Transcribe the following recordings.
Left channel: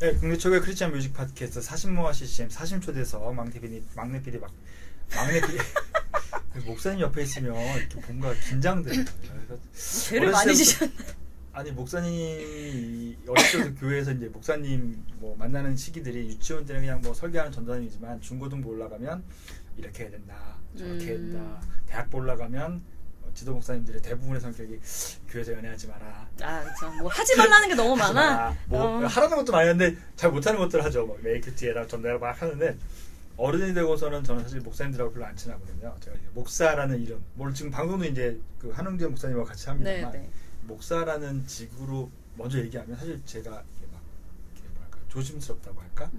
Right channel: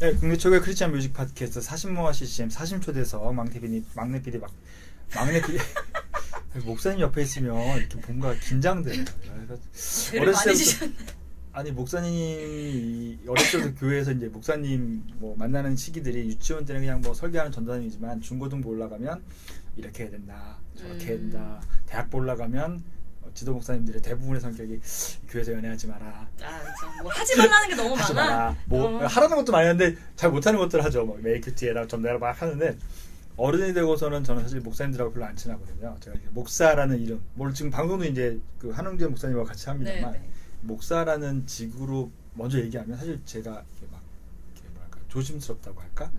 네, 국내 최고의 크리스찬 뮤직 팟캐스트 40모아 CCM 40초대석 막내 PD 목사님 옆에 있으면 이렇게 뭔가 긴장돼요. 죄를 많이 지셨네. 아니 목사님이 어렸을 때 교회에서 이제 목사님 뭐 만나는 시기들이 유치원 때는 그냥 뭐 설교하는 전도사님이지만 중고등부 올라가면 이렇게 해야 된다, 저렇게 해야 된다. 대학부 올라가면 지도 목사님들의 대부분의 성격이 교회에서 연애하지 마라. 아, 그렇죠. 뭐 하지 말라는 게 너무 많아. 뭐 하라는 것도 많이 하는데 잘 못하는 것들 하죠. 뭐 메이큐티에다 전달을 막 하는데 어른이 되고서는 저는 사실 목사님들하고 별로 안 친하거든요. 제가 목사라는 이름, 뭘 지금 방송도 이제 그 한웅재 목사님과 같이 합니다만 네. 목사라는 직으로 먼저 얘기하면 사실 제가 이렇게 막 이렇게 뭐랄까 조심스럽다고 할까?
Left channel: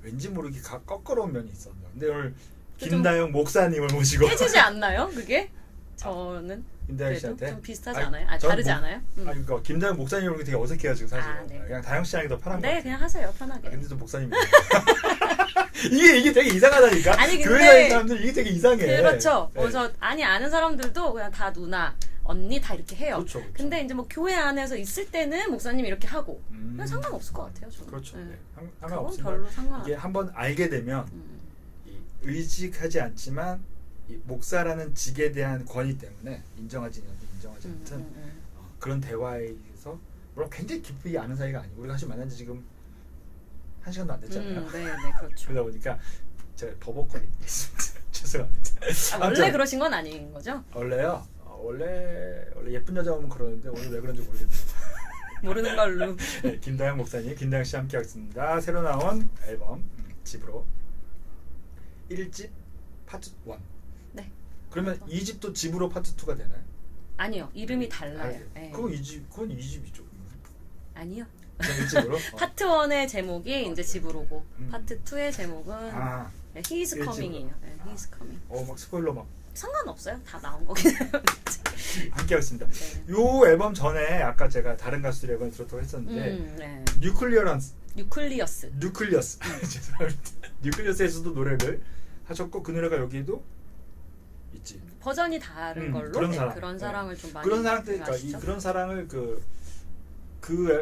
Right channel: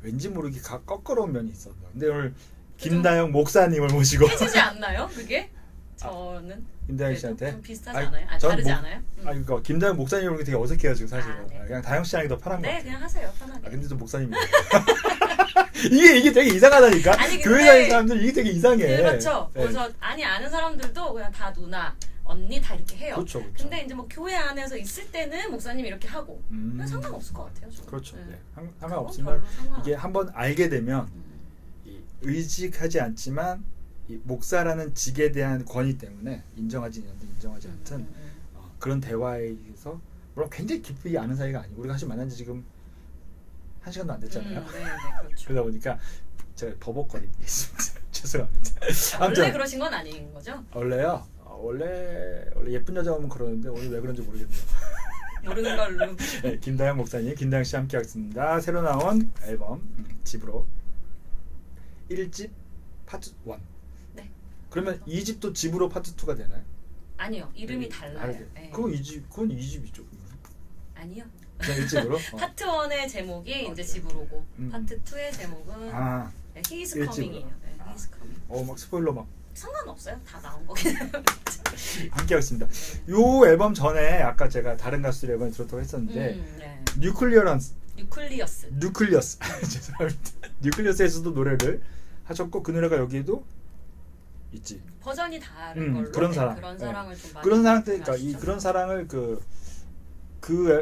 왠지 모르게 거꾸러운 면이 있었는데 근데 오늘 김다영 목사님을 모시고 해지지 않나요? 그게? 저는 김다영 씨한테 좀 비슷하지 않아요? 다르지 않아요? 그러니까 김다영 목사님 오는 게 되게 어색해요 지금 사실. 네. 그냥 다영 씨 하는 게 더 편한 거 같아요. 네, 그냥 하세요 편하게. 근데 좀 목사님이에요. 이게 되게 이상하다니까. 아니, 근데 교회 다니는 사람들 이게 되게 이상해. 그렇죠. 네. 그래서 아는 사람들도 그냥 다 누나, 언니 다 이렇게 해요. 그렇죠. 근데 이제 뭐 교회 안에서 있을 때는 목사님 이렇게 하고 그냥 상관없을 것 같아요. 저는. 그렇죠. 네. 상관없지만 이게 한번 알게 되면 의식하지 않지만 이 목사라는 직에 대한 권위 때문에 인정하지 않든 그런 대화에서 물론 굉장히 깊이 아는 사이가 아니고 우리가 사실 만난 지 지금 1시간도 안 됐잖아요. 네, 그렇죠. 그러다 보니까 제가 버벅거리는 게 있습니다. 죄송합니다. 원래 그러신 건 아닌 거죠? 원래요? 원래 예쁜 여자 오면 그러는데 오늘 왜 그런지 모르겠네요. 모르는 걸로. 네, 김다영 목사님, 김다영 씨 함께 하겠습니다. 새로 나온 앨범 집으로 1집 파트 1. 네. 그러면 2집도 집으로 파트 2가 되나요? 아니요. 이름이 달라요. 네. 그건 2집이죠. 아니요. 그냥 1집으로? 파트 1의 제목이 이제 집으로고 파트 2의 제목은 He is Coming이에요. 네, He is Coming. 막 스포일러 막. 상관없어요. 다 나온 거긴 해요. 함께 하겠습니다. 요 앨범 전에 아까 제가 다른 가수 앨범 들었다고 했었는데 뉴클리어스 죄송합니다. 뉴클리어스에서도 노래를 하셨고 그 노래가 여기도 있지. 버전이 다른 걸로 그런 사랑. 그런 사랑을 좀 많이 그런 사랑 때 그러니까 그런 사랑을 그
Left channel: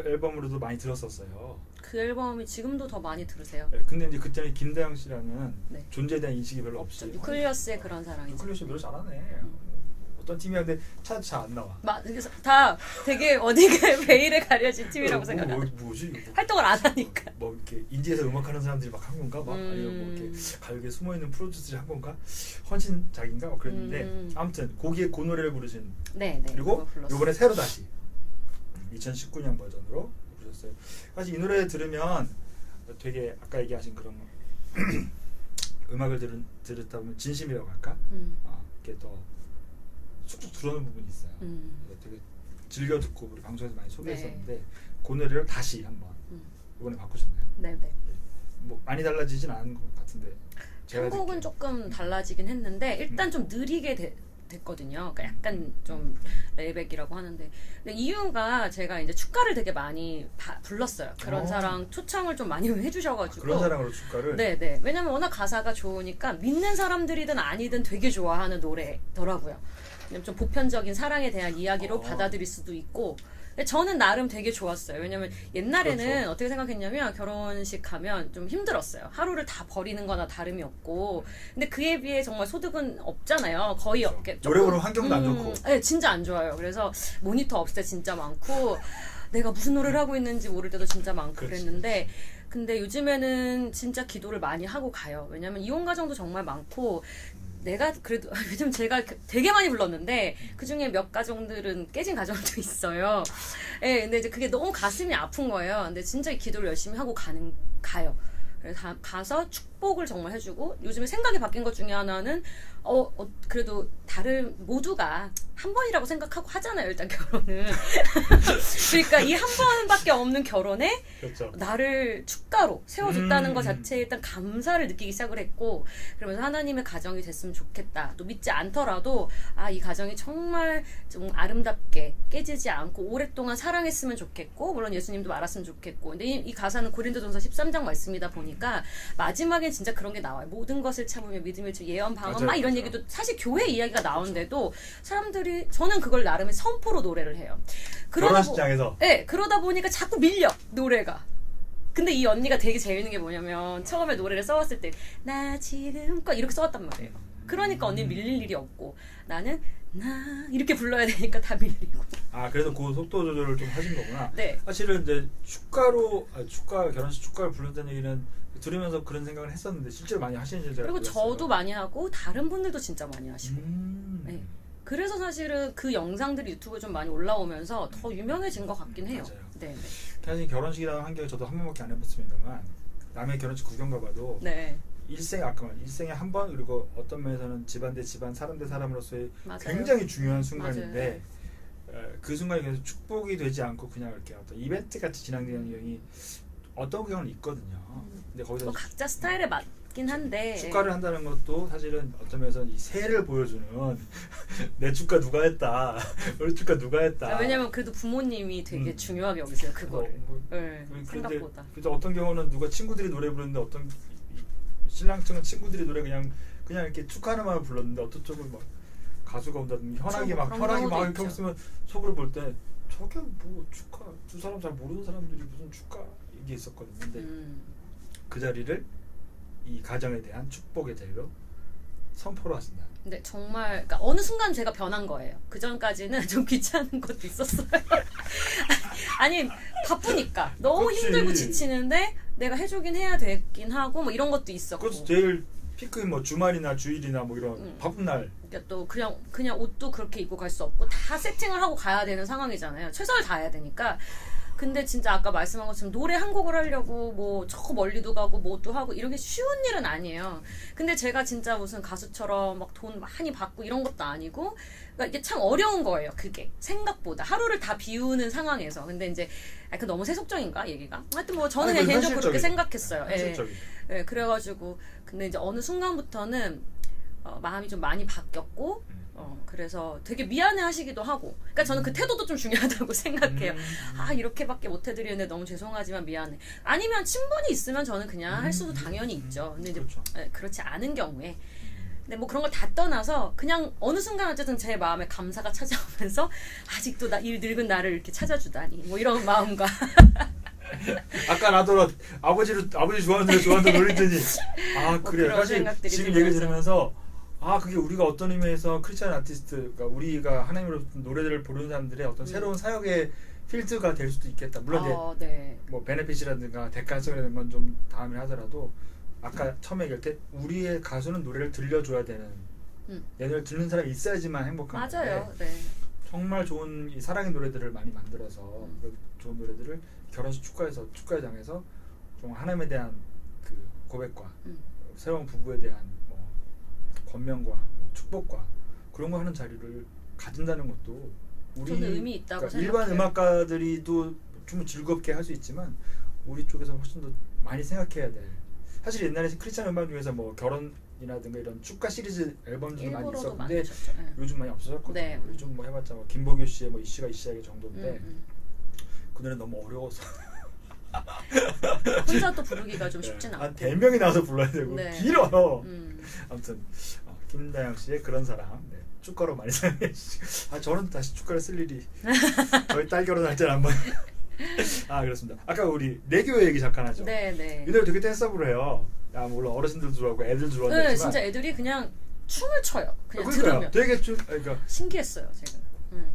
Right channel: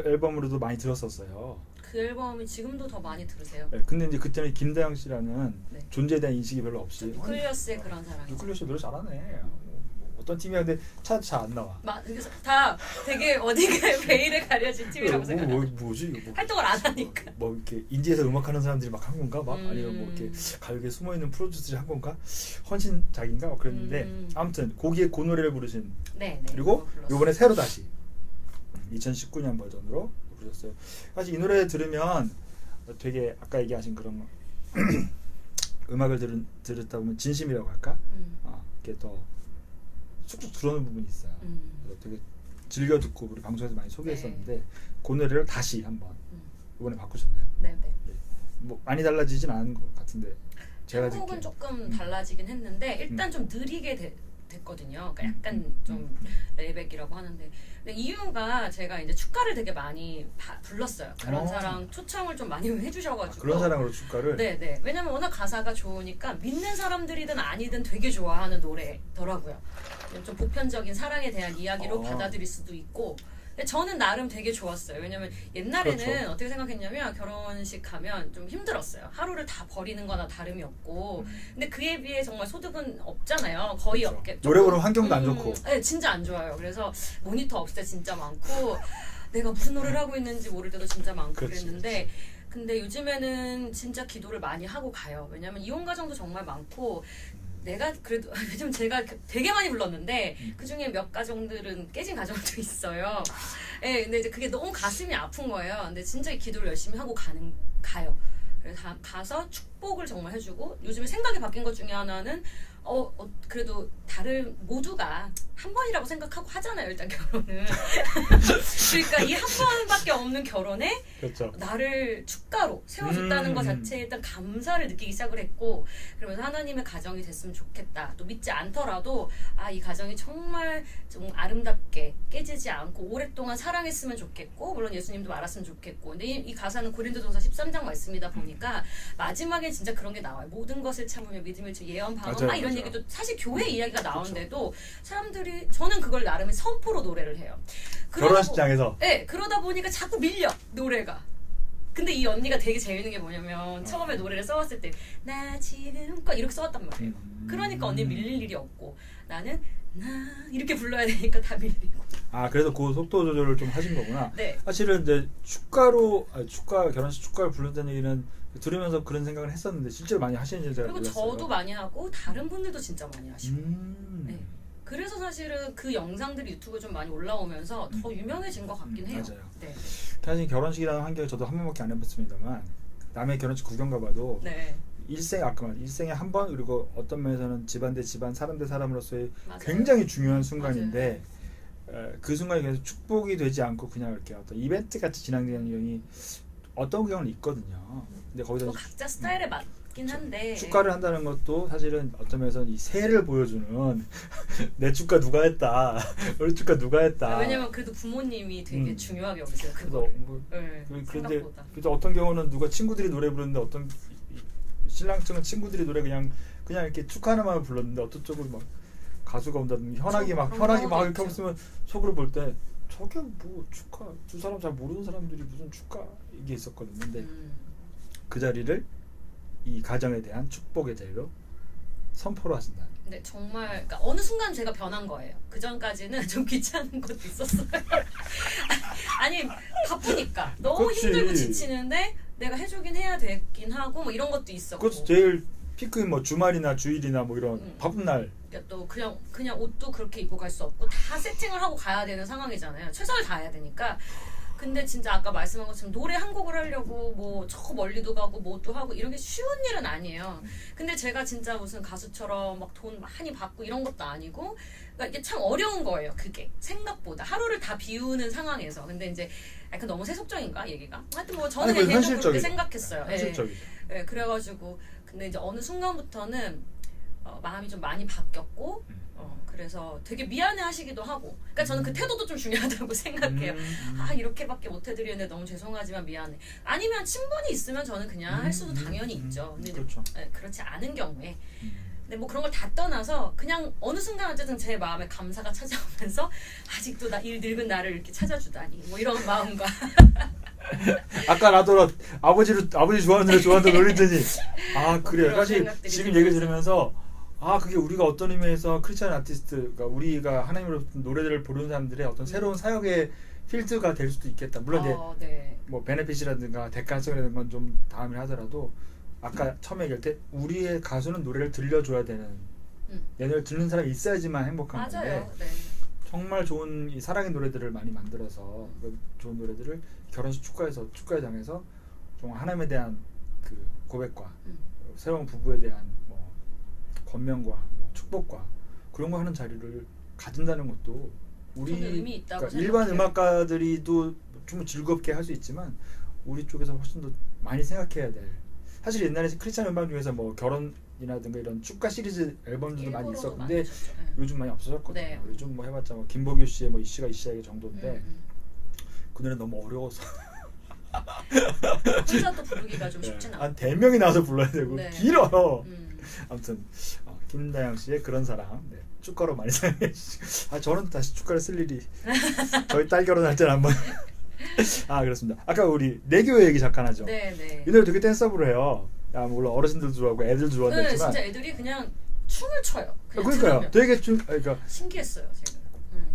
앨범으로도 많이 들었었어요. 그 앨범이 지금도 더 많이 들으세요. 네, 근데 이제 그때는 김다영 씨라는 존재에 대한 인식이 별로 없이 뉴클리어스의 그런 사랑. 뉴클리어스 노래 잘하네. 어떤 팀이야 근데 잘 안 나와. 그래서 다 되게 어디가 베일에 가려진 팀이라고 생각해요. 뭐지? 활동을 안 하니까. 뭐 이렇게 인디에서 음악하는 사람들이 막 한 건가? 막 아니면 뭐 이렇게 가요계에 숨어 있는 프로듀서들이 한 건가? 헌신작인가? 막 그랬는데 아무튼 거기에 그 노래를 부르신. 네. 그리고 이번에 새로 다시 2019년 버전으로 부르셨어요. 사실 이 노래 들으면 되게 아까 얘기하신 그런 음악을 들었다 보면 진심이라고 할까? 이게 더 쑥쑥 들어오는 부분이 있어요. 되게 즐겨 듣고 우리 방송에서 많이 소개했었는데 그 노래를 다시 한번 이번에 바꾸셨나요? 네. 뭐 많이 달라지진 않은 것 같은데 제가 곡은 조금 달라지긴 했는데 일단 좀 느리게 됐거든요. 그러니까 약간 좀 레이백이라고 하는데 근데 이유가 제가 이제 축가를 되게 많이 불렀어요. 그런 사랑 초청을 좀 많이 해주셔가지고 그런 사랑으로 축가를? 네. 왜냐면 워낙 가사가 좋으니까 믿는 사람들이든 아니든 되게 좋아하는 노래더라고요. 좀 보편적인 사랑에 대한 이야기로 받아들일 수도 있고 근데 저는 나름 되게 좋았어요. 왜냐면 옛날에는 그렇죠. 어떻게 생각했냐면 결혼식 가면 좀 힘들었어요. 하루를 다 버리는 거나 다름이 없고 근데 그에 비해 정말 소득은 없잖아요. 거의 그렇죠. 없게. 노래 부르는 환경도 안 좋고. 네, 진짜 안 좋아요. 그래서 모니터 없을 때 진짜 많고 내가 무슨 노래를 하고 있는지 모를 때도 진짜 많고 그랬는데 근데 요즘에는 진짜 기도를 많이 하고 가요. 왜냐면 이혼 가정도 정말 많고 내가 그래도 요즘 제가 되게 많이 불렀는데 그 중에 몇 가정들은 깨진 가정도 있어요. 예, 근데 이제 그게 너무 가슴이 아픈 거예요. 근데 진짜 기도를 열심히 하고 가요. 그래서 가서 축복을 정말 해주고 요즘에 생각이 바뀐 것 중에 하나는 그래도 다른 모두가 한 번이라고 생각하고 하잖아요. 일단 결혼은. 그러니까 이 한 번밖에 없는 결혼에 그렇죠. 나를 축가로 세워줬다는 것 자체에 일단 감사를 느끼기 시작을 했고 그러면서 하나님의 가정이 됐으면 좋겠다. 또 믿지 않더라도 이 가정이 정말 좀 아름답게 깨지지 않고 오랫동안 사랑했으면 좋겠고 물론 예수님도 말았으면 좋겠고 근데 이 가사는 고린도전서 13장 말씀이다 보니까 마지막에 진짜 그런 게 나와요. 모든 것을 참으며 믿음을 예언 방언 막 이런 얘기도 사실 교회 이야기가 나오는데도 사람들이 저는 그걸 나름의 선포로 노래를 해요. 결혼식장에서? 네, 그러다 보니까 자꾸 밀려 노래가. 근데 이 언니가 되게 재밌는 게 뭐냐면 처음에 노래를 써왔을 때 나 지금껏 이렇게 써왔단 말이에요. 그러니까 언니 밀릴 일이 없고 나는 나 이렇게 불러야 되니까 다 밀리고. 아 그래서 그 속도 조절을 좀 하신 거구나. 네. 사실은 이제 축가 결혼식 축가를 부른다는 얘기는 들으면서 그런 생각을 했었는데 실제로 많이 하시는지 제가 그리고 몰랐어요. 저도 많이 하고 다른 분들도 진짜 많이 하시고. 네. 그래서 사실은 그 영상들이 유튜브에 좀 많이 올라오면서 더 유명해진 것 같긴 해요. 맞아요. 네. 사실 결혼식이라는 환경을 저도 한 번밖에 안 해봤습니다만 남의 결혼식 구경 가봐도 네. 일생에 한 번 그리고 어떤 면에서는 집안 대 집안 사람 대 사람으로서의 맞아요. 굉장히 중요한 순간인데 그 순간이 계속 축복이 되지 않고 그냥 이렇게 어떤 이벤트 같이 진행되는 경우이 어떤 경우는 있거든요. 근데 거기서 뭐 각자 스타일에 맞긴 한데 축가를 한다는 것도 사실은 어떤 면에서는 이 세를 보여주는 내 축가 누가 했다, 우리 축가 누가 했다. 왜냐면 그래도 부모님이 되게 중요하게 여기세요 그거. 네, 그런데 생각보다. 그래도 어떤 경우는 누가 친구들이 노래 부르는데 어떤 신랑 측은 친구들이 노래 그냥 이렇게 축하하는만 불렀는데 어떤 쪽은 막 가수가 온다든지 현악이 막 이렇게 하고 있으면 속으로 볼 때 저게 뭐 축하 두 사람 잘 모르는 사람들이 무슨 축가 이게 있었거든요. 근데 그 자리를 이 가정에 대한 축복의 자리로 선포를 하신다. 근데 정말 그러니까 어느 순간 제가 변한 거예요. 그 전까지는 좀 귀찮은 것도 있었어요. 아니 바쁘니까 너무 그렇지. 힘들고 지치는데 내가 해주긴 해야 되긴 하고 뭐 이런 것도 있었고. 그것도 제일 피크인 뭐 주말이나 주일이나 뭐 이런 바쁜 날. 그러니까 또 그냥 옷도 그렇게 입고 갈 수 없고 다 세팅을 하고 가야 되는 상황이잖아요. 최선을 다해야 되니까. 근데 진짜 아까 말씀한 것처럼 노래 한 곡을 하려고 뭐 저 멀리도 가고 뭐도 하고 이런 게 쉬운 일은 아니에요. 근데 제가 진짜 무슨 가수처럼 막 돈 많이 받고 이런 것도 아니고 그러니까 이게 참 어려운 거예요. 그게 생각보다 하루를 다 비우는 상황에서. 근데 이제 그 너무 세속적인가 얘기가? 하여튼 뭐 저는 그냥 개인적으로 그렇게 생각했어요. 현실적이죠. 네, 그래가지고 근데 이제 어느 순간부터는 마음이 좀 많이 바뀌었고 그래서 되게 미안해하시기도 하고 그러니까 저는 그 태도도 좀 중요하다고 생각해요. 아 이렇게밖에 못 해드리는데 너무 죄송하지만 미안해. 아니면 친분이 있으면 저는 그냥 할 수도 당연히 있죠. 근데 그렇죠. 이제 그렇지 않은 경우에 근데 뭐 그런 걸 다 떠나서 그냥 어느 순간 어쨌든 제 마음에 감사가 찾아오면서 아직도 이 늙은 나를 이렇게 찾아주다니 뭐 이런 마음과 아까 나도 아버지 좋아하는 노래 좋아한다 놀리더니 아 그래 그런 사실 생각들이 지금 들면서. 얘기 들으면서 아 그게 우리가 어떤 의미에서 크리스찬 아티스트가 우리가 하나님으로 노래들을 부르는 사람들의 어떤 새로운 사역의 필드가 될 수도 있겠다. 물론 이제 네. 뭐 베네핏이라든가 대가성이라는 건 좀 다음에 하더라도 아까 처음에 얘기할 때 우리의 가수는 노래를 들려줘야 되는 내 노래를 듣는 사람이 있어야지만 행복한 맞아요. 건데 네. 정말 좋은 이 사랑의 노래들을 많이 만들어서 그 좋은 노래들을 결혼식 축가장에서 좀 하나님에 대한 그 고백과 새로운 부부에 대한 뭐 권면과 뭐 축복과 그런 거 하는 자리를 가진다는 것도 우리 저는 의미 있다고 그러니까 일반 생각해요. 음악가들이도 좀 즐겁게 할 수 있지만 우리 쪽에서 훨씬 더 많이 생각해야 될 사실 옛날에 크리스찬 음악 중에서 뭐 결혼이라든가 이런 축가 시리즈 앨범들도 많이 일부러도 있었는데 많이 있었죠. 네. 요즘 많이 없어졌거든요. 네. 요즘 뭐 해봤자 뭐 김보규 씨의 뭐 이씨가 이씨에게 정도인데 그 노래 너무 어려워서 혼자 또 부르기가 좀 쉽진 않고 한 4명이 나와서 불러야 되고 네. 길어요. 아무튼 김다영 씨의 그런 사람 축가로 많이 사용해 주시고 저는 다시 축가를 쓸 일이 저희 딸 결혼할 때는 한번 그렇습니다. 아까 우리 내교 얘기 잠깐 하죠. 네네. 이 노래 되게 댄서블을 해요. 물론 어르신들도 좋아하고 애들도 네, 좋아하지만 진짜 애들이 그냥 춤을 춰요. 그냥 그러니까요. 들으면. 되게 그러니까 신기했어요 제가.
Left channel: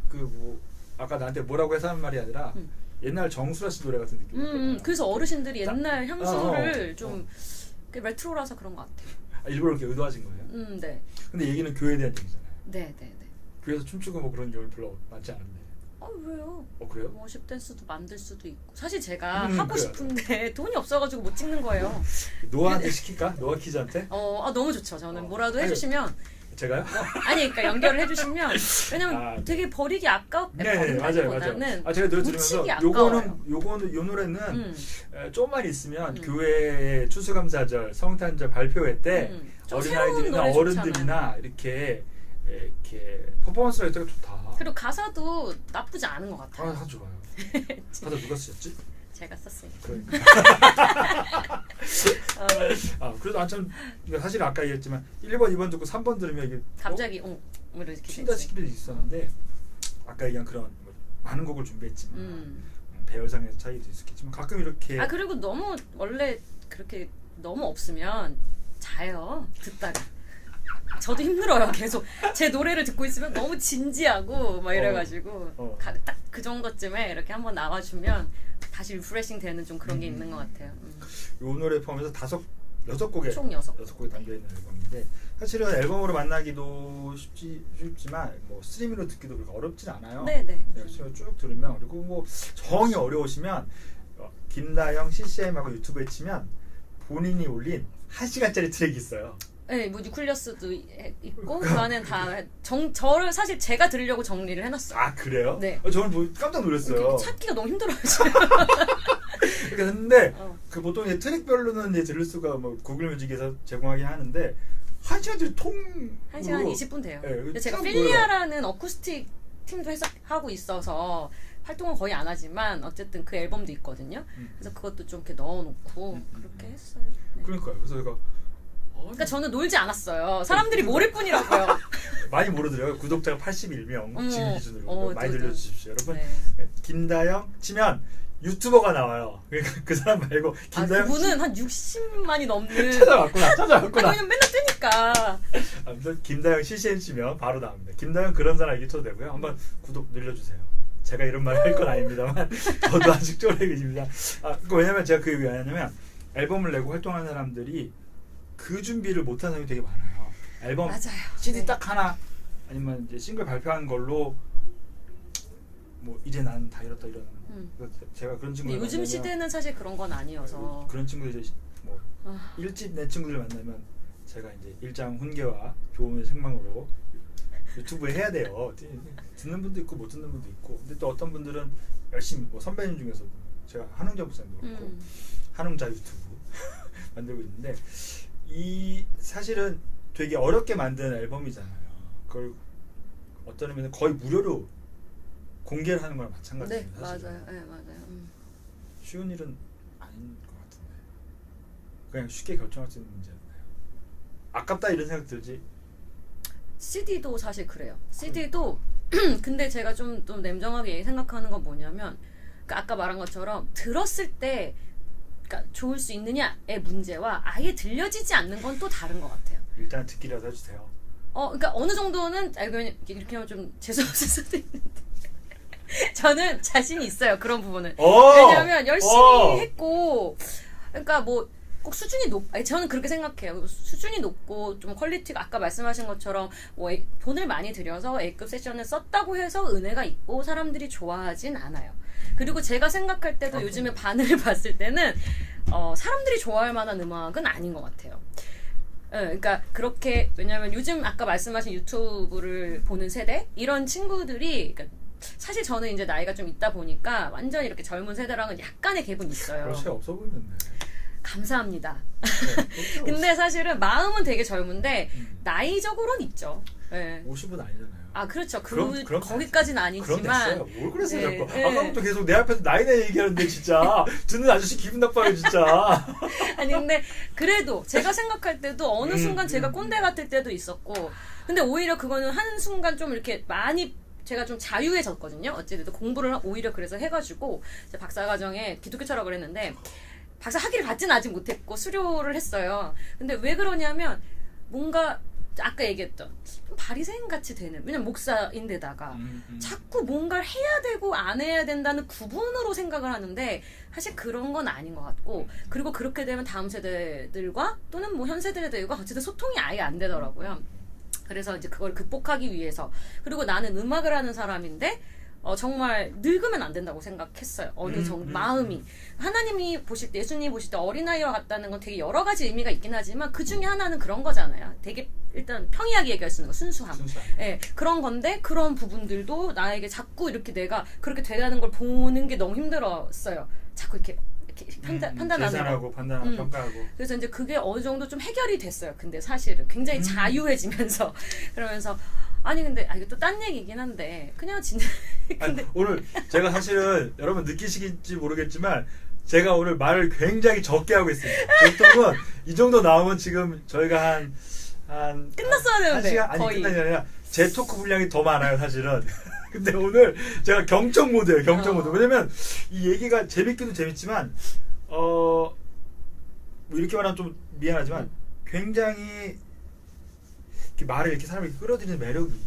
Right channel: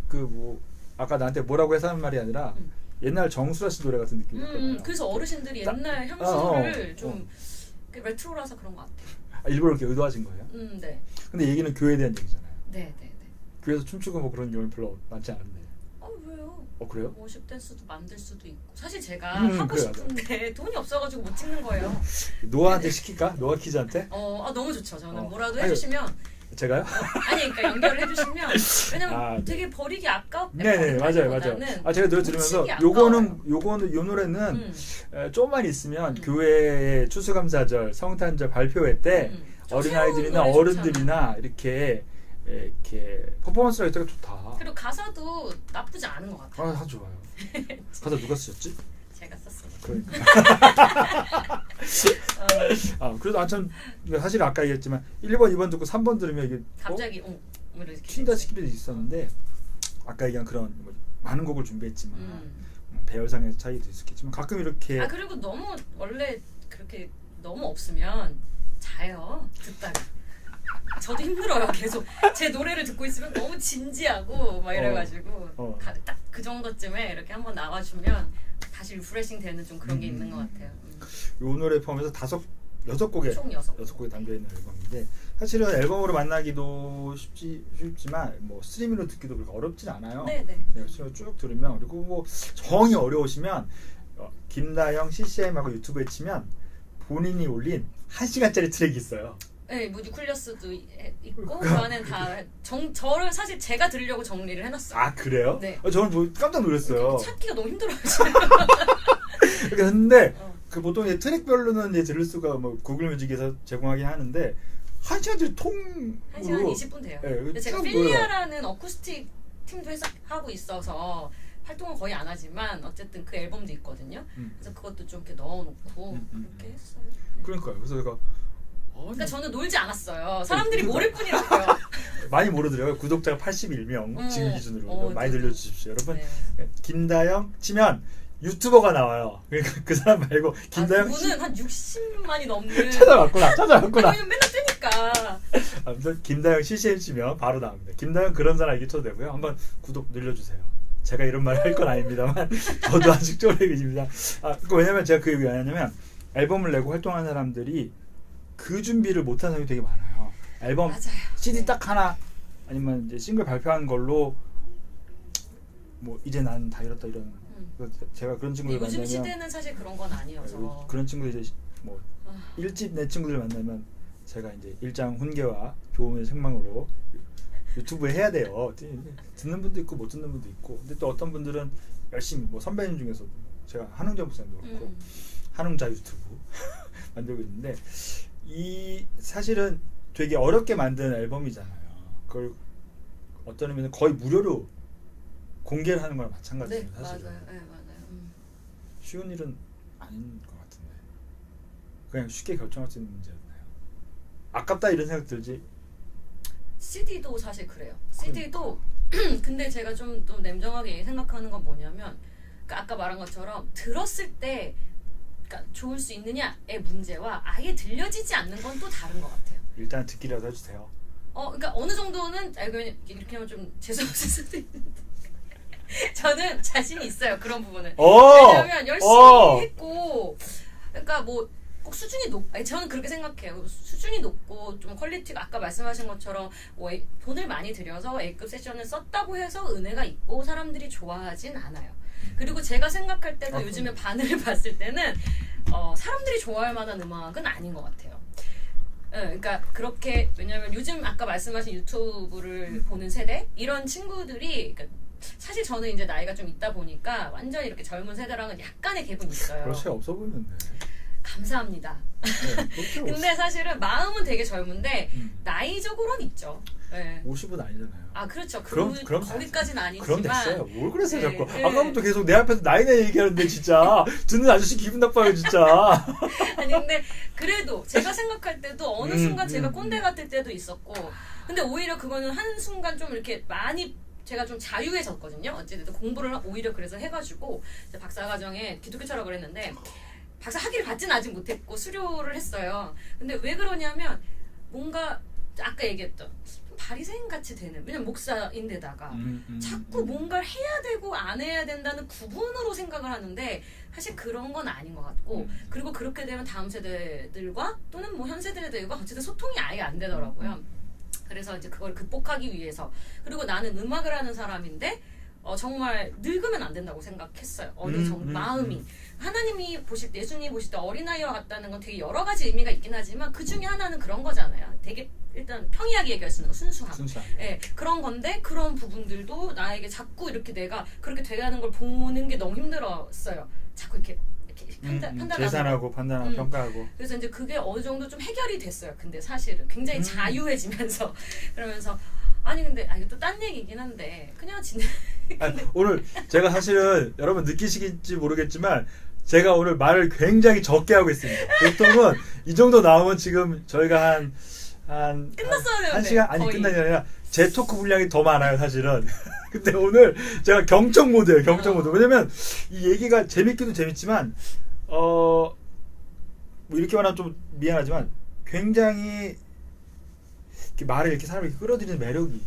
그 뭐 아까 나한테 뭐라고 해서 하는 말이 아니라 옛날 정수라 씨 노래 같은 느낌이었거든요. 그래서 어르신들이 옛날 향수를 좀 레트로라서 그런 것 같아요. 일부러 이렇게 의도하신 거예요? 네. 근데 얘기는 교회에 대한 얘기잖아요. 네네네. 교회에서 춤추고 뭐 그런 경우는 별로 많지 않은데. 왜요? 그래요? 워십 댄스도 만들 수도 있고 사실 제가 하고 그래요. 싶은데 돈이 없어가지고 못 찍는 거예요. 노아한테 시킬까? 노아 키즈한테? 너무 좋죠. 저는 뭐라도 아니, 해주시면 제가요? 아니 그러니까 연결을 해주시면 왜냐면 되게 버리기 아깝. 네네 맞아요. 제가 노래 들으면서 요거는 요 노래는 조금만 있으면 교회의 추수감사절, 성탄절 발표회 때 어린아이들이나 어른들이나 이렇게 퍼포먼스가 있다가 좋다. 그리고 가사도 나쁘지 않은 것 같아요. 다 좋아요. 가사 누가 쓰셨지? 제가 썼어요. 그러니까. 그래도 참 사실 아까 얘기했지만 1번, 2번 듣고 3번 들으면 이게 갑자기 뭐 이렇게 튄다 싶기도 있었는데 아까 얘기한 그런 많은 곡을 준비했지만 배열상의 차이도 있겠지만 가끔 이렇게 그리고 너무 원래 그렇게 너무 없으면 자요 듣다가. 저도 힘들어요. 계속 제 노래를 듣고 있으면 너무 진지하고 막 이래가지고 딱 그 정도쯤에 이렇게 한번 나와주면 다시 리프레싱 되는 좀 그런 게 있는 것 같아요. 이 노래 포함해서 6곡에 총 6곡에 담겨있는 앨범인데 사실은 앨범으로 만나기도 쉽지만 뭐 스트리밍으로 듣기도 그렇게 어렵진 않아요. 네네. 스트리밍으로 쭉 들으면 그리고 뭐 정이 어려우시면 김다영 CCM하고 유튜브에 치면 본인이 올린 1시간짜리 트랙이 있어요. 네, 뭐 뉴클리어스도 있고 그 안엔 다 저를 사실 제가 들으려고 정리를 해놨어요. 아 그래요? 네. 저는 뭐 깜짝 놀랐어요. 찾기가 너무 힘들어요. 근데 그 보통 이제 트랙별로는 이제 들을 수가 뭐 구글 뮤직에서 제공하긴 하는데 1시간짜리 통으로 1시간 20분 돼요. 네, 근데 제가 쭉 필리아라는 어쿠스틱 팀도 하고 있어서 활동은 거의 안 하지만 어쨌든 그 앨범도 있거든요. 그래서 그것도 좀 이렇게 넣어놓고 그렇게 했어요. 네. 그러니까요. 그래서 제가 그러니까 저는 놀지 않았어요. 사람들이 모를 뿐이라고요. 많이 모르더라고요. 구독자가 81명 지금 기준으로 많이 들려주십시오. 여러분 네. 김다영 치면 유튜버가 나와요. 그러니까 그 사람 말고 김다영 그분은 한 60만이 넘는 찾아왔구나. 왜냐면 맨날 뜨니까. 아무튼 김다영 CCM 치면 바로 나옵니다. 김다영 그런 사람 이렇게 쳐도 되고요. 한번 구독 늘려주세요. 제가 이런 말 할 건 아닙니다만 저도 아직 쪼렙입니다. 왜냐면 제가 그 왜냐면 앨범을 내고 활동하는 사람들이 그 준비를 못하는 사람이 되게 많아요. 앨범 맞아요. CD 딱 하나 아니면 이제 싱글 발표한 걸로 뭐 이제 난 다 잃었다 이런 제가 그런 친구들 요즘 만나면 시대는 사실 그런 건 아니어서 그런 친구들 이제 뭐 1집 내 친구들 만나면 제가 이제 일장 훈계와 교훈의 생망으로 유튜브에 해야 돼요. 듣는 분도 있고 못 듣는 분도 있고 근데 또 어떤 분들은 열심히 뭐 선배님 중에서 제가 한웅자 목사님도 그렇고 한웅자 유튜브 만들고 있는데 이 사실은 되게 어렵게 만든 앨범이잖아요. 그걸 어떤 의미는 거의 무료로 공개를 하는 거랑 마찬가지예요. 네, 사실은. 맞아요. 네, 맞아요. 쉬운 일은 아닌 것 같은데 그냥 쉽게 결정할 수 있는 문제였나요? 아깝다 이런 생각 들지? CD도 사실 그래요. CD도 근데 제가 좀 냉정하게 생각하는 건 뭐냐면 그러니까 아까 말한 것처럼 들었을 때 그러니까 좋을 수 있느냐의 문제와 아예 들려지지 않는 건 또 다른 것 같아요. 일단 듣기라도 해주세요. 그러니까 어느 정도는 이렇게 하면 좀 재수없을 수도 있는데 저는 자신이 있어요. 그런 부분은. 왜냐하면 열심히 했고 그러니까 뭐 꼭 수준이 저는 그렇게 생각해요. 수준이 높고 좀 퀄리티가 아까 말씀하신 것처럼 뭐 돈을 많이 들여서 A급 세션을 썼다고 해서 은혜가 있고 사람들이 좋아하진 않아요. 그리고 제가 생각할 때도 요즘에 반응을 봤을 때는 사람들이 좋아할 만한 음악은 아닌 것 같아요. 그러니까 그렇게 왜냐하면 요즘 아까 말씀하신 유튜브를 보는 세대 이런 친구들이 그러니까 사실 저는 이제 나이가 좀 있다 보니까 완전히 이렇게 젊은 세대랑은 약간의 갭은 있어요. 그렇지 없어 보이는데. 감사합니다. 네, 근데 사실은 마음은 되게 젊은데 나이적으로는 있죠. 네. 50은 아니잖아요. 그렇죠. 그럼 거기까지는 아니지만. 그럼 됐어요. 뭘 그랬어요, 네, 자꾸. 네. 아까부터 계속 내 앞에서 나이나 얘기하는데 진짜 듣는 아저씨 기분 나빠요, 진짜. 아니 근데 그래도 제가 생각할 때도 어느 순간 제가 꼰대 같을 때도 있었고 근데 오히려 그거는 한 순간 좀 이렇게 많이 제가 좀 자유해졌거든요. 어쨌든 공부를 오히려 그래서 해가지고 박사과정에 기독교 철학을 했는데 박사 학위를 받지는 아직 못했고 수료를 했어요. 근데 왜 그러냐면 뭔가 아까 얘기했던 바리새인 같이 되는 왜냐면 목사인데다가 자꾸 뭔가를 해야 되고 안 해야 된다는 구분으로 생각을 하는데 사실 그런 건 아닌 것 같고 그리고 그렇게 되면 다음 세대들과 또는 뭐 현 세대들과 어쨌든 소통이 아예 안 되더라고요. 그래서 이제 그걸 극복하기 위해서 그리고 나는 음악을 하는 사람인데 정말 늙으면 안 된다고 생각했어요. 어느 정도 마음이 하나님이 보실 때 예수님이 보실 때 어린아이와 같다는 건 되게 여러 가지 의미가 있긴 하지만 그 중에 하나는 그런 거잖아요. 되게 일단 평이하게 얘기할 수 있는 거 순수함. 네, 그런 건데 그런 부분들도 나에게 자꾸 이렇게 내가 그렇게 되라는 걸 보는 게 너무 힘들었어요. 자꾸 이렇게 판단하고 계산하고 판단하고 평가하고. 그래서 이제 그게 어느 정도 좀 해결이 됐어요. 근데 사실은 굉장히 자유해지면서 그러면서 아니 근데 이거 또 딴 얘기긴 한데 그냥 진짜 오늘 제가 사실은 여러분 느끼시겠지 모르겠지만 제가 오늘 말을 굉장히 적게 하고 있습니다. 보통은 이 정도 나오면 지금 저희가 한 끝났어야 되는데 한 시간 아니 거의. 끝나지 아니라 제 토크 분량이 더 많아요 사실은. 근데 오늘 제가 경청 모드예요. 경청 모드. 왜냐면 이 얘기가 재밌기도 재밌지만 뭐 이렇게 말하면 좀 미안하지만 굉장히 이렇게 말을 이렇게 사람을 이렇게 끌어들이는 매력이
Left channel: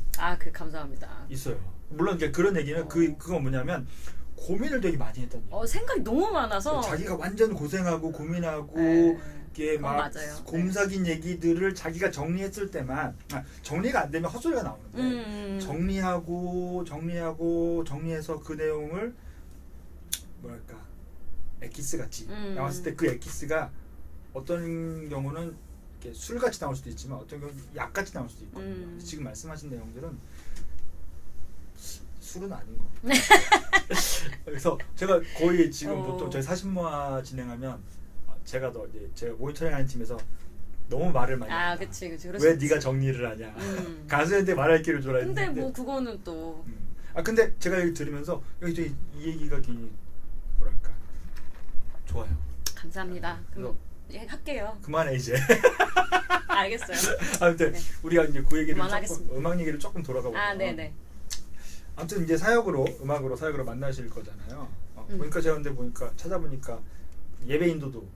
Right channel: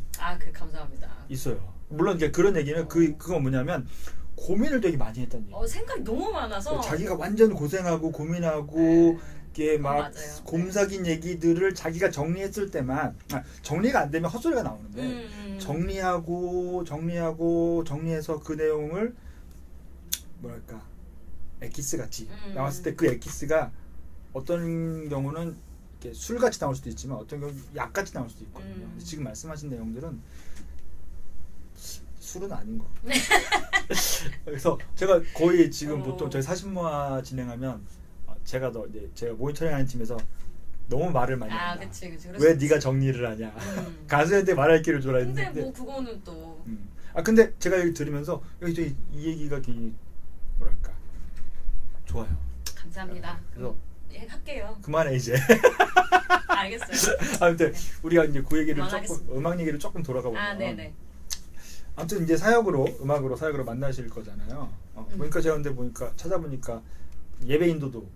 감사합니다. 있어요. 물론 이제 그런 얘기는 그건 뭐냐면 고민을 되게 많이 했다는 얘기. 생각이 너무 많아서 자기가 완전 고생하고 고민하고 이게 막 곰삭인 얘기들을 자기가 정리했을 때만 정리가 안 되면 헛소리가 나오는데 정리해서 그 내용을 뭐랄까 엑기스 같이 나왔을 때 그 엑기스가 어떤 경우는 이렇게 술같이 나올 수도 있지만 어떤 경우는 약같이 나올 수도 있거든요. 지금 말씀하신 내용들은 술은 아닌 거. 그래서 제가 거의 지금 보통 저희 사신모아 진행하면 제가 모니터링하는 팀에서 너무 말을 많이 한다. 그치. 왜 네가 정리를 하냐. 가수한테 말할 기회를 줘라 했는데. 근데 뭐 그거는 또. 근데 제가 여기 들으면서 이 얘기가 되게 뭐랄까 좋아요. 감사합니다. 그래서 할게요. 그만해 이제. 알겠어요. 아무튼 우리가 이제 그 얘기를 그만하겠습니다. 음악 얘기를 조금 돌아가 보면. 네네. 아무튼 이제 음악으로 사역으로 만나실 거잖아요. 보니까 제가 근데 찾아보니까 예배 인도도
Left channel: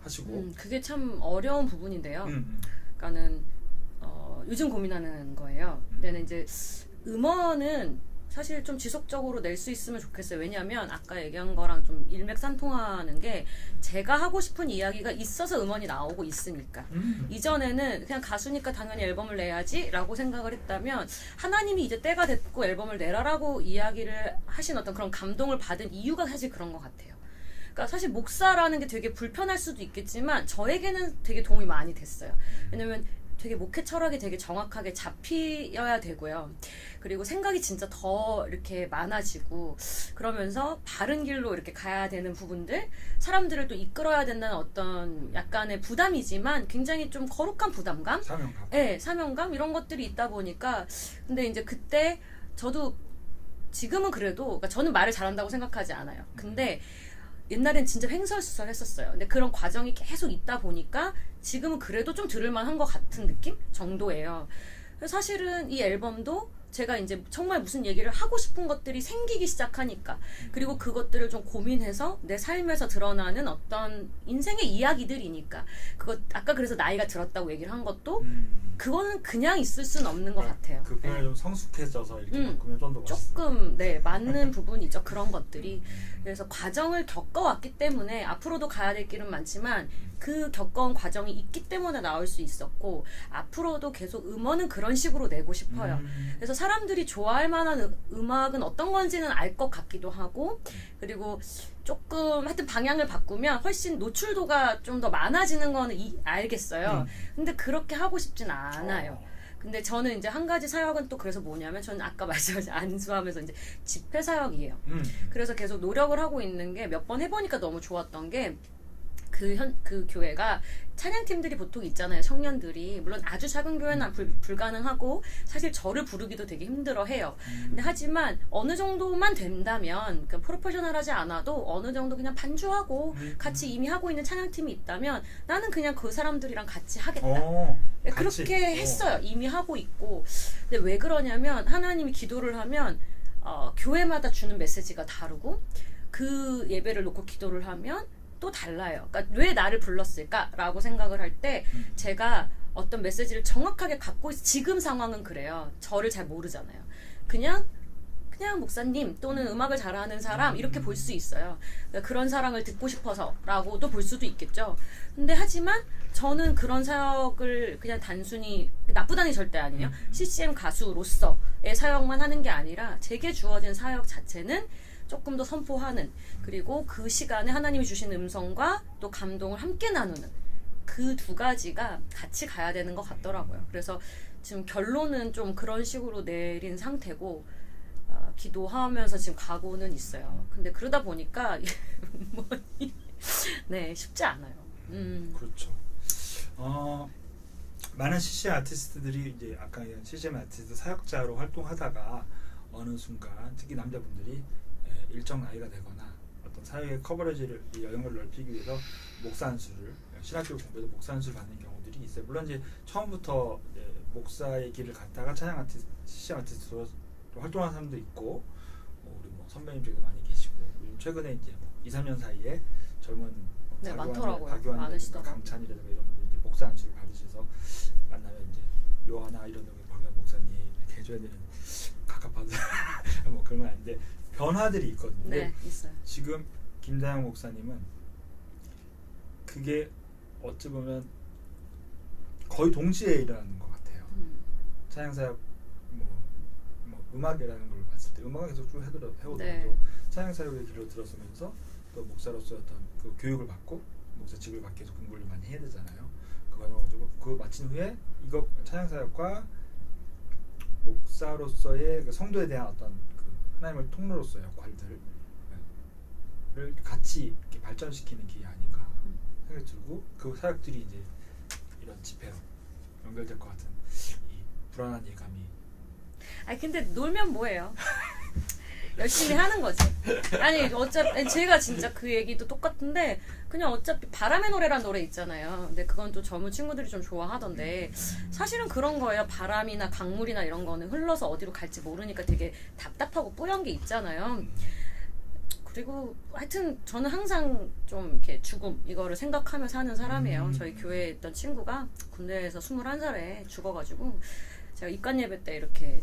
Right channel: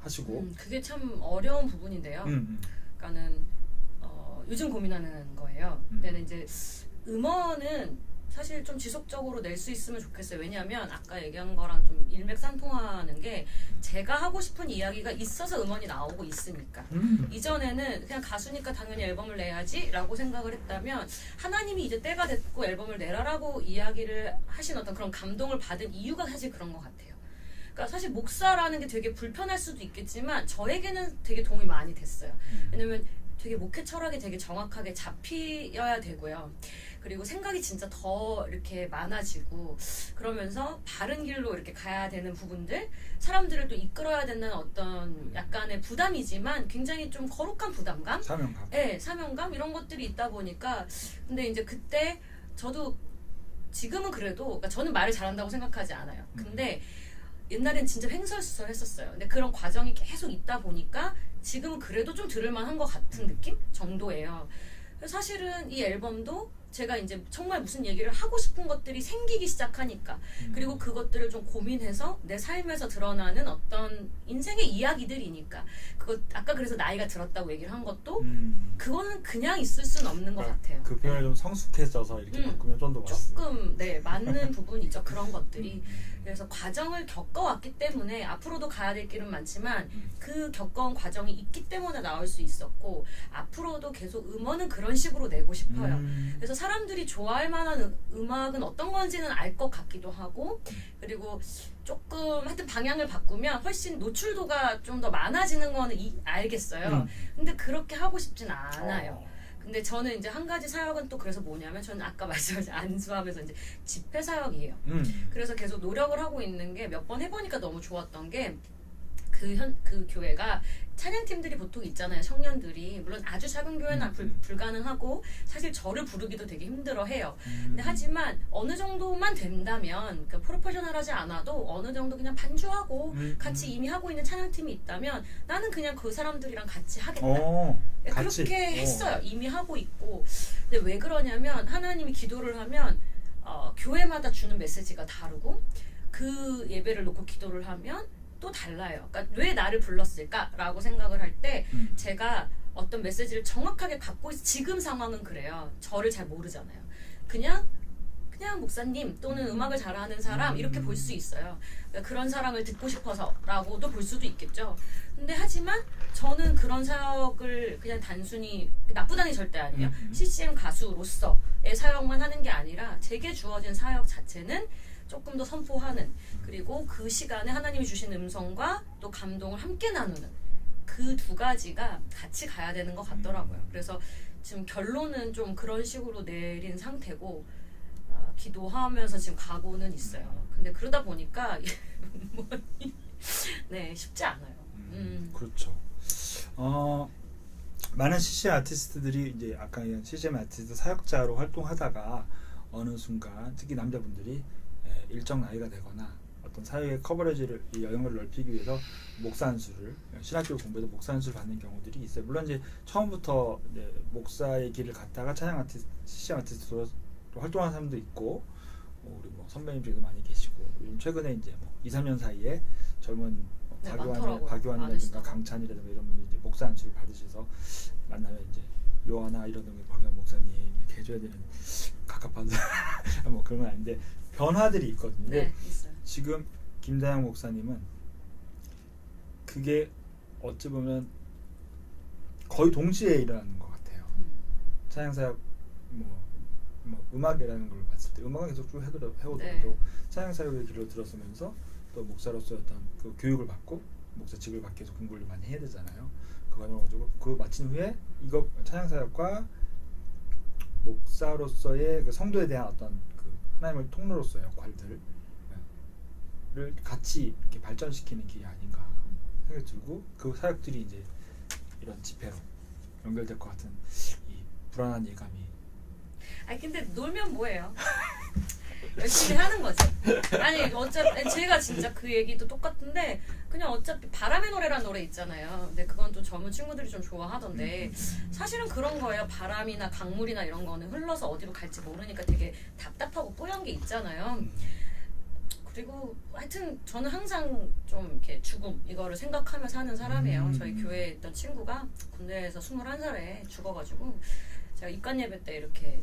하시고. 그게 참 어려운 부분인데요. 그러니까는 요즘 고민하는 거예요. 근데 이제 음원은 사실 좀 지속적으로 낼 수 있으면 좋겠어요. 왜냐하면 아까 얘기한 거랑 좀 일맥상통하는 게 제가 하고 싶은 이야기가 있어서 음원이 나오고 있으니까. 이전에는 그냥 가수니까 당연히 앨범을 내야지 라고 생각을 했다면 하나님이 이제 때가 됐고 앨범을 내라라고 이야기를 하신 어떤 그런 감동을 받은 이유가 사실 그런 것 같아요. 그러니까 사실 목사라는 게 되게 불편할 수도 있겠지만 저에게는 되게 도움이 많이 됐어요. 왜냐면 되게 목회 철학이 되게 정확하게 잡혀야 되고요. 그리고 생각이 진짜 더 이렇게 많아지고 그러면서 바른 길로 이렇게 가야 되는 부분들, 사람들을 또 이끌어야 된다는 어떤 약간의 부담이지만 굉장히 좀 거룩한 부담감? 사명감. 네, 사명감 이런 것들이 있다 보니까 근데 이제 그때 저도 지금은 그래도 그러니까 저는 말을 잘한다고 생각하지 않아요. 근데 옛날엔 진짜 횡설수설했었어요. 근데 그런 과정이 계속 있다 보니까 지금은 그래도 좀 들을만한 것 같은 느낌 정도예요. 그래서 사실은 이 앨범도 제가 이제 정말 무슨 얘기를 하고 싶은 것들이 생기기 시작하니까 그리고 그것들을 좀 고민해서 내 삶에서 드러나는 어떤 인생의 이야기들이니까 그거 아까 그래서 나이가 들었다고 얘기를 한 것도 그거는 그냥 있을 수는 없는 것 같아요. 그 표현이 좀 성숙해져서 이렇게 바꾸면 좀 더 조금 맞는 부분이죠. 그런 것들이. 그래서 과정을 겪어왔기 때문에 앞으로도 가야 될 길은 많지만 그 겪어온 과정이 있기 때문에 나올 수 있었고 앞으로도 계속 음원은 그런 식으로 내고 싶어요. 그래서 사람들이 좋아할 만한 음악은 어떤 건지는 알 것 같기도 하고 그리고 조금 하여튼 방향을 바꾸면 훨씬 노출도가 좀 더 많아지는 거는 알겠어요. 근데 그렇게 하고 싶진 않아요. 근데 저는 이제 한 가지 사역은 또 그래서 뭐냐면 저는 아까 말씀하신 안수하면서 이제 집회 사역이에요. 그래서 계속 노력을 하고 있는 게 몇 번 해보니까 너무 좋았던 게 그 교회가 찬양팀들이 보통 있잖아요. 청년들이 물론 아주 작은 교회는 불가능하고 사실 저를 부르기도 되게 힘들어해요. 근데 하지만 어느 정도만 된다면 그러니까 프로페셔널하지 않아도 어느 정도 그냥 반주하고 같이 이미 하고 있는 찬양팀이 있다면 나는 그냥 그 사람들이랑 같이 하겠다. 그렇게 했어요. 이미 하고 있고. 근데 왜 그러냐면 하나님이 기도를 하면 교회마다 주는 메시지가 다르고 그 예배를 놓고 기도를 하면 또 달라요. 그러니까 왜 나를 불렀을까라고 생각을 할 때 제가 어떤 메시지를 정확하게 갖고 지금 상황은 그래요. 저를 잘 모르잖아요. 그냥 목사님 또는 음악을 잘하는 사람 이렇게 볼 수 있어요. 그러니까 그런 사람을 듣고 싶어서라고도 볼 수도 있겠죠. 근데 하지만 저는 그런 사역을 그냥 단순히 나쁘다는 게 절대 아니에요. CCM 가수로서의 사역만 하는 게 아니라 제게 주어진 사역 자체는 조금 더 선포하는 그리고 그 시간에 하나님이 주신 음성과 또 감동을 함께 나누는 그 두 가지가 같이 가야 되는 것 같더라고요. 그래서 지금 결론은 좀 그런 식으로 내린 상태고 기도하면서 지금 가고는 있어요. 근데 그러다 보니까 쉽지 않아요. 그렇죠. 많은 CCM 아티스트들이 이제 아까 얘기한 CCM 아티스트 사역자로 활동하다가 어느 순간 특히 남자분들이 일정 나이가 되거나 어떤 사회의 커버리지를 이 영역을 넓히기 위해서 목사 안수를 신학교 공부에서 목사 안수를 받는 경우들이 있어요. 물론 이제 처음부터 이제 목사의 길을 갔다가 찬양 아티스트, CCM 아티스트로 또 활동하는 사람도 있고 우리 뭐 선배님 중에도 많이 계시고 요즘 최근에 이제 뭐 2, 3년 사이에 젊은 네, 많더라고요. 박유한이라든가 많으시더라고요. 강찬이라든가 이런 분들이 이제 목사 안수를 받으셔서 만나면 이제 요하나 이러든가 박유한 목사님 이렇게 해줘야 되는 갑갑한 뭐 그런 건 아닌데 변화들이 있거든요. 네, 있어요. 지금 김다영 목사님은 그게 어찌 보면 거의 동시에 일어나는 것 같아요. 찬양사역 뭐 음악이라는 걸 봤을 때 음악은 계속 쭉 해오더라도 네. 찬양사역의 길로 들어서면서 또 목사로서 어떤 그 교육을 받고 목사직을 받기 위해서 공부를 많이 해야 되잖아요. 그 과정을 가지고 그거 마친 후에 이거 찬양사역과 목사로서의 그 성도에 대한 어떤 그 하나님의 통로로서의 역할들을 같이 이렇게 발전시키는 길이 아닌가 생각이 들고 그 사역들이 이제 이런 집회로 연결될 것 같은 이 불안한 예감이. 아니 근데 놀면 뭐해요? 열심히 하는 거지. 아니 어차피 제가 진짜 그 얘기도 똑같은데 그냥 어차피 바람의 노래란 노래 있잖아요. 근데 그건 또 젊은 친구들이 좀 좋아하던데 사실은 그런 거예요. 바람이나 강물이나 이런 거는 흘러서 어디로 갈지 모르니까 되게 답답하고 뽀얀 게 있잖아요. 그리고 하여튼 저는 항상 좀 이렇게 죽음 이거를 생각하며 사는 사람이에요. 저희 교회에 있던 친구가 군대에서 21살에 죽어가지고 제가 입관 예배 때 이렇게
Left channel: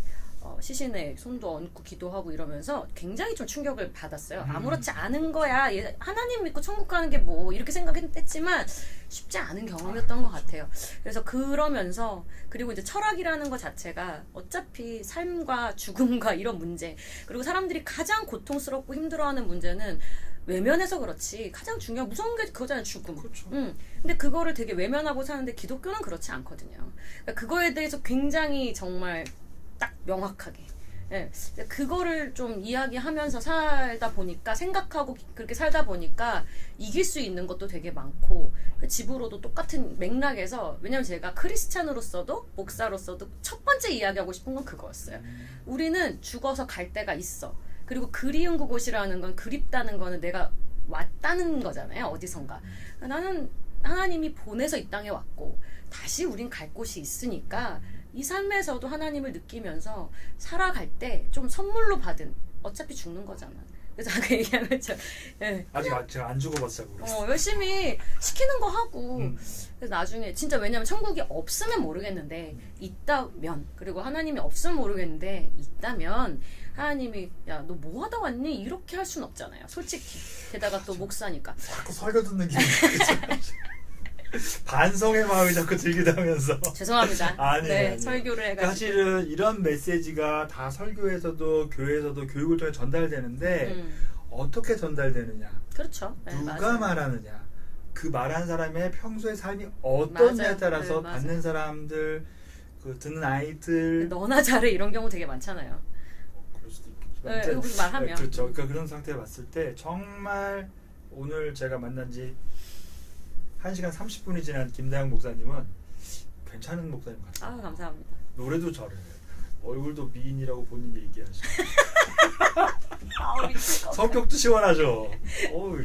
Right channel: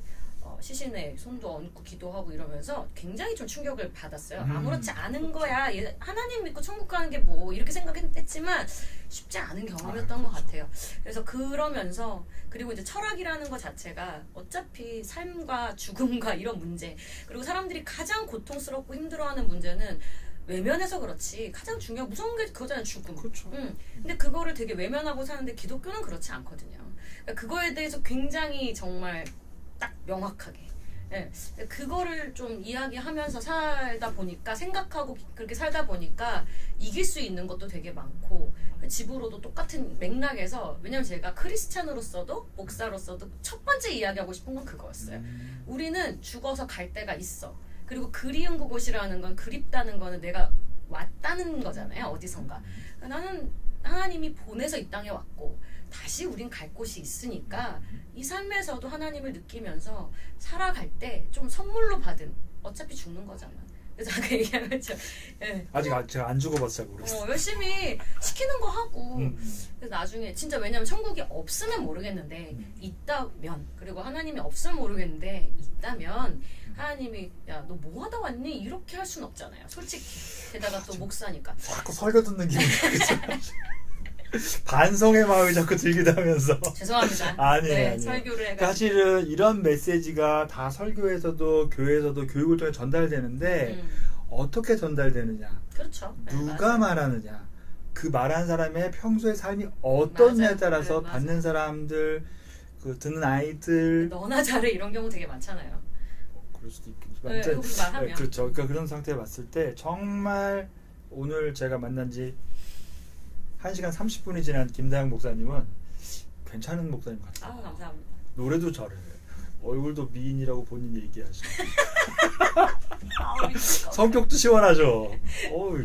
시신에 손도 얹고 기도하고 이러면서 굉장히 좀 충격을 받았어요. 아무렇지 않은 거야. 하나님 믿고 천국 가는 게 뭐 이렇게 생각했지만 쉽지 않은 경험이었던 것 같아요. 그래서 그러면서 그리고 이제 철학이라는 것 자체가 어차피 삶과 죽음과 이런 문제 그리고 사람들이 가장 고통스럽고 힘들어하는 문제는 외면해서 그렇지 가장 중요한 무서운 게 그거잖아요. 죽음. 그렇죠. 근데 그거를 되게 외면하고 사는데 기독교는 그렇지 않거든요. 그러니까 그거에 대해서 굉장히 정말 딱 명확하게 네. 그거를 좀 이야기하면서 살다 보니까 생각하고 그렇게 살다 보니까 이길 수 있는 것도 되게 많고 집으로도 똑같은 맥락에서 왜냐면 제가 크리스찬으로서도 목사로서도 첫 번째 이야기하고 싶은 건 그거였어요. 우리는 죽어서 갈 데가 있어. 그리고 그리운 그곳이라는 건 그립다는 거는 내가 왔다는 거잖아요. 어디선가. 나는 하나님이 보내서 이 땅에 왔고 다시 우린 갈 곳이 있으니까 이 삶에서도 하나님을 느끼면서 살아갈 때 좀 선물로 받은 어차피 죽는 거잖아. 그래서 아까 얘기한 것처럼 아직 제가 안 죽어봤어요. 모르겠어요. 열심히 시키는 거 하고 그래서 나중에 진짜 왜냐면 천국이 없으면 모르겠는데 있다면 그리고 하나님이 없으면 모르겠는데 있다면 하나님이 야 너 뭐 하다 왔니? 이렇게 할 순 없잖아요. 솔직히 게다가 또 목사니까 자꾸 설교 듣는 기분. 반성의 마음이 자꾸 들기도 하면서 죄송합니다. 아니에요. 설교를 해가지고 사실은 이런 메시지가 다 설교에서도 교회에서도 교육을 통해 전달되는데 어떻게 전달되느냐 그렇죠. 누가 맞아요. 말하느냐 그 말하는 사람의 평소의 삶이 어떠냐에 맞아요. 따라서 맞아요. 받는 사람들 그 듣는 아이들 너나 잘해 이런 경우 되게 많잖아요. 그럴 수도 있겠지만 여기서 말하면 그렇죠. 그러니까 그런 상태에 봤을 때 정말 오늘 제가 만난 지 1시간 30분이 지난 김다영 목사님은 괜찮은 목사님 같아요. 감사합니다. 노래도 잘해. 얼굴도 미인이라고 본인 얘기하시고 성격도 시원하죠. 어우,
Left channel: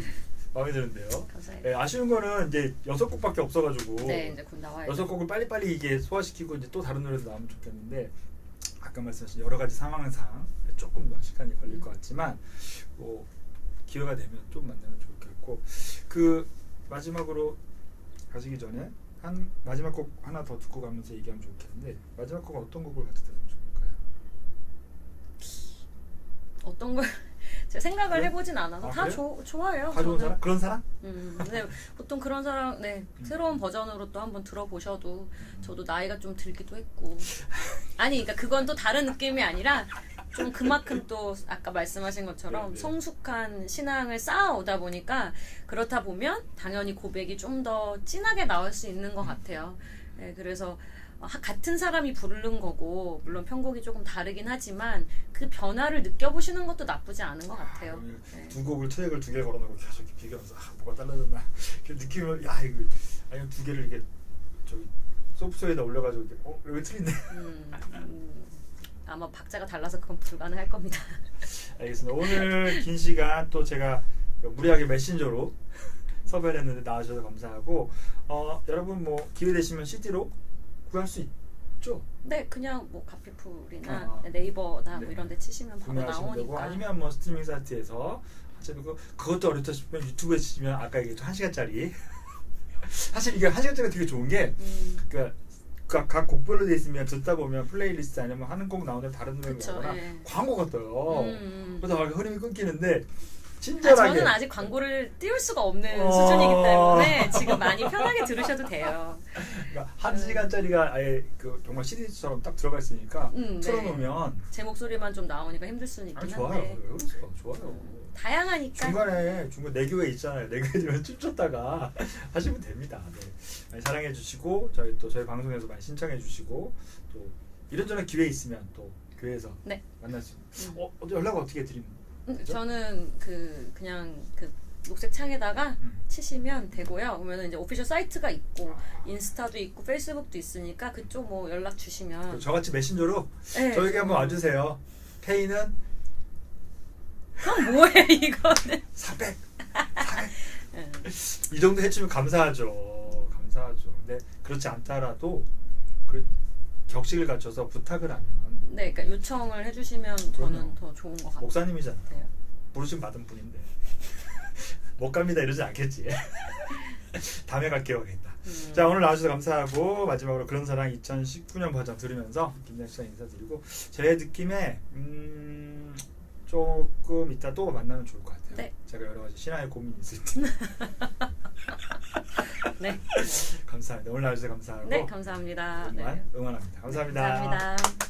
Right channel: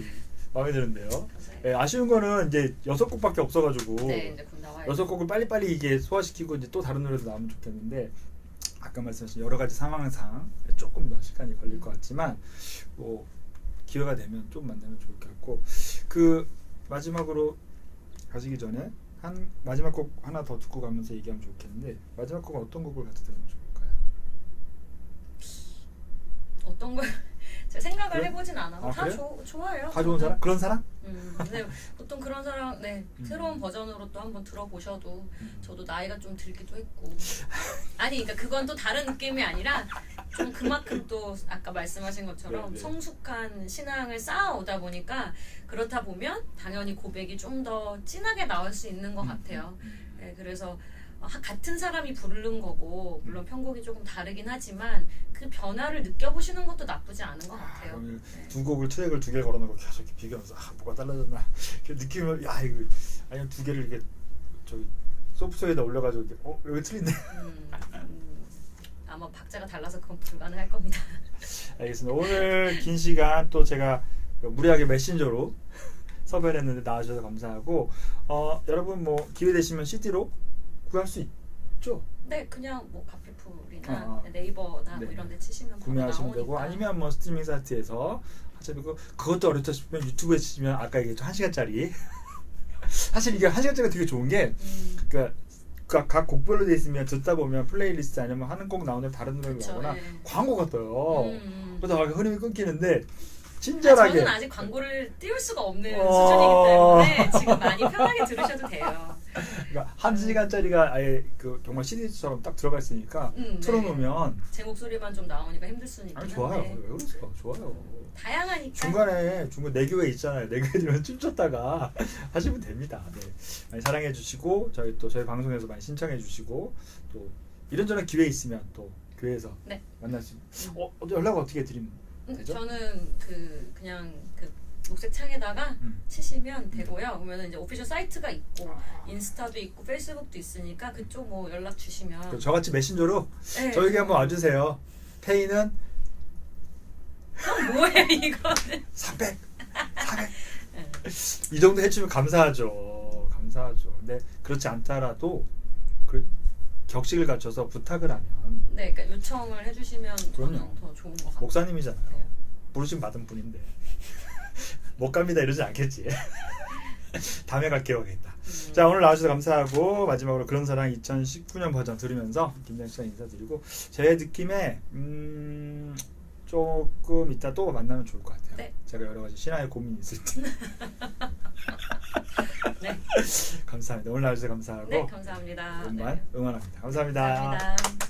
마음에 드는데요. 네, 아쉬운 거는 이제 6곡밖에 없어가지고 네, 이제 곧 나와요. 6곡을 빨리빨리 이게 소화시키고 이제 또 다른 노래도 나오면 좋겠는데 아까 말씀하신 여러 가지 상황상 조금 더 시간이 걸릴 것 같지만 뭐 기회가 되면 좀 만나면 좋을 것 같고 그 마지막으로 가시기 전에 한 마지막 곡 하나 더 듣고 가면서 얘기하면 좋겠는데 마지막 곡은 어떤 곡을 같이 들으면 좋을까요? 어떤 걸 제가 생각을 그래? 해보진 않아서 다 그래요? 좋아요. 다 좋은 사람? 그런 사람? 네, 보통 그런 사람 새로운 버전으로 또 한번 들어보셔도 저도 나이가 좀 들기도 했고 아니 그러니까 그건 또 다른 느낌이 아니라 좀 그만큼 또 아까 말씀하신 것처럼 네. 성숙한 신앙을 쌓아오다 보니까 그렇다 보면 당연히 고백이 좀 더 진하게 나올 수 있는 것 같아요. 네, 그래서 같은 사람이 부르는 거고 물론 편곡이 조금 다르긴 하지만 그 변화를 느껴보시는 것도 나쁘지 않은 것 같아요. 네. 두 곡을 트랙을 두 개 걸어놓고 계속 이렇게 비교하면서 뭐가 달라졌나 느낌을 야 이거 아니면 두 개를 이렇게 저기 소프트웨어에다 올려가지고 이렇게 여기 틀린데. 아마 박자가 달라서 그건 불가능할 겁니다. 알겠습니다. 오늘 긴 시간 또 제가 무리하게 메신저로 섭외를 했는데 나와주셔서 감사하고 여러분 뭐 기회 되시면 CD로 구할 수 있죠. 네, 그냥 뭐 카피풀이나 네이버나 네. 뭐 이런 데 치시면 바로 구매하시면 나오니까. 되고 아니면 뭐 스트리밍 사이트에서 하시고 그것도 어렵다 싶으면 유튜브에 치시면 아까 얘기했던 1시간짜리 사실 이게 1시간짜리가 되게 좋은 게 그러니까 각 곡별로 돼 있으면 듣다 보면 플레이리스트 아니면 하는 곡 나오는 다른 노래가 그쵸, 나오거나 예. 광고가 떠요. 그래서 막 흐름이 끊기는데 아, 친절하게 저는 아직 광고를 띄울 수가 없는 수준이기 때문에 지금 많이 편하게 들으셔도 돼요. 그러니까 1시간짜리가 아예 그 정말 CD처럼 딱 들어가 있으니까 네. 틀어놓으면 제 목소리만 좀 나오니까 힘들 수는 있긴 아니 좋아요. 한데 왜 그러세요? 좋아요. 다양하니까. 중간에 내교회 있잖아요. 내교회 들으면 춤췄다가 하시면 됩니다. 네. 많이 사랑해 주시고 저희 방송에서 많이 신청해 주시고 또 이런저런 기회 있으면 또 교회에서 네. 만날 수 연락 어떻게 드리면 되죠? 저는 그냥 녹색 창에다가 치시면 되고요. 그러면 이제 오피셜 사이트가 있고 인스타도 있고 페이스북도 있으니까 그쪽 뭐 연락 주시면 저같이 메신저로 네. 저에게 한번 와주세요. 페이는 뭐해 이거는 400 이 정도 해주면 감사하죠. 근데 그렇지 않더라도 격식을 갖춰서 부탁을 하면 네, 그러니까 요청을 해주시면 그럼요. 저는 더 좋은 것 같아요. 목사님이잖아요. 부르심 받은 분인데 못 갑니다 이러지 않겠지. 다음에 갈게요 하겠다. 자 오늘 나와주셔서 감사하고 마지막으로 그런 사랑 2019년 버전 들으면서 김장식 씨 인사드리고 제 느낌에 조금 이따 또 만나면 좋을 것 같아요. 네. 제가 여러 가지 신화의 고민이 있을 때. 네. 감사합니다. 오늘 나와주셔서 감사하고 네, 감사합니다. 응원합니다. 감사합니다. 감사합니다.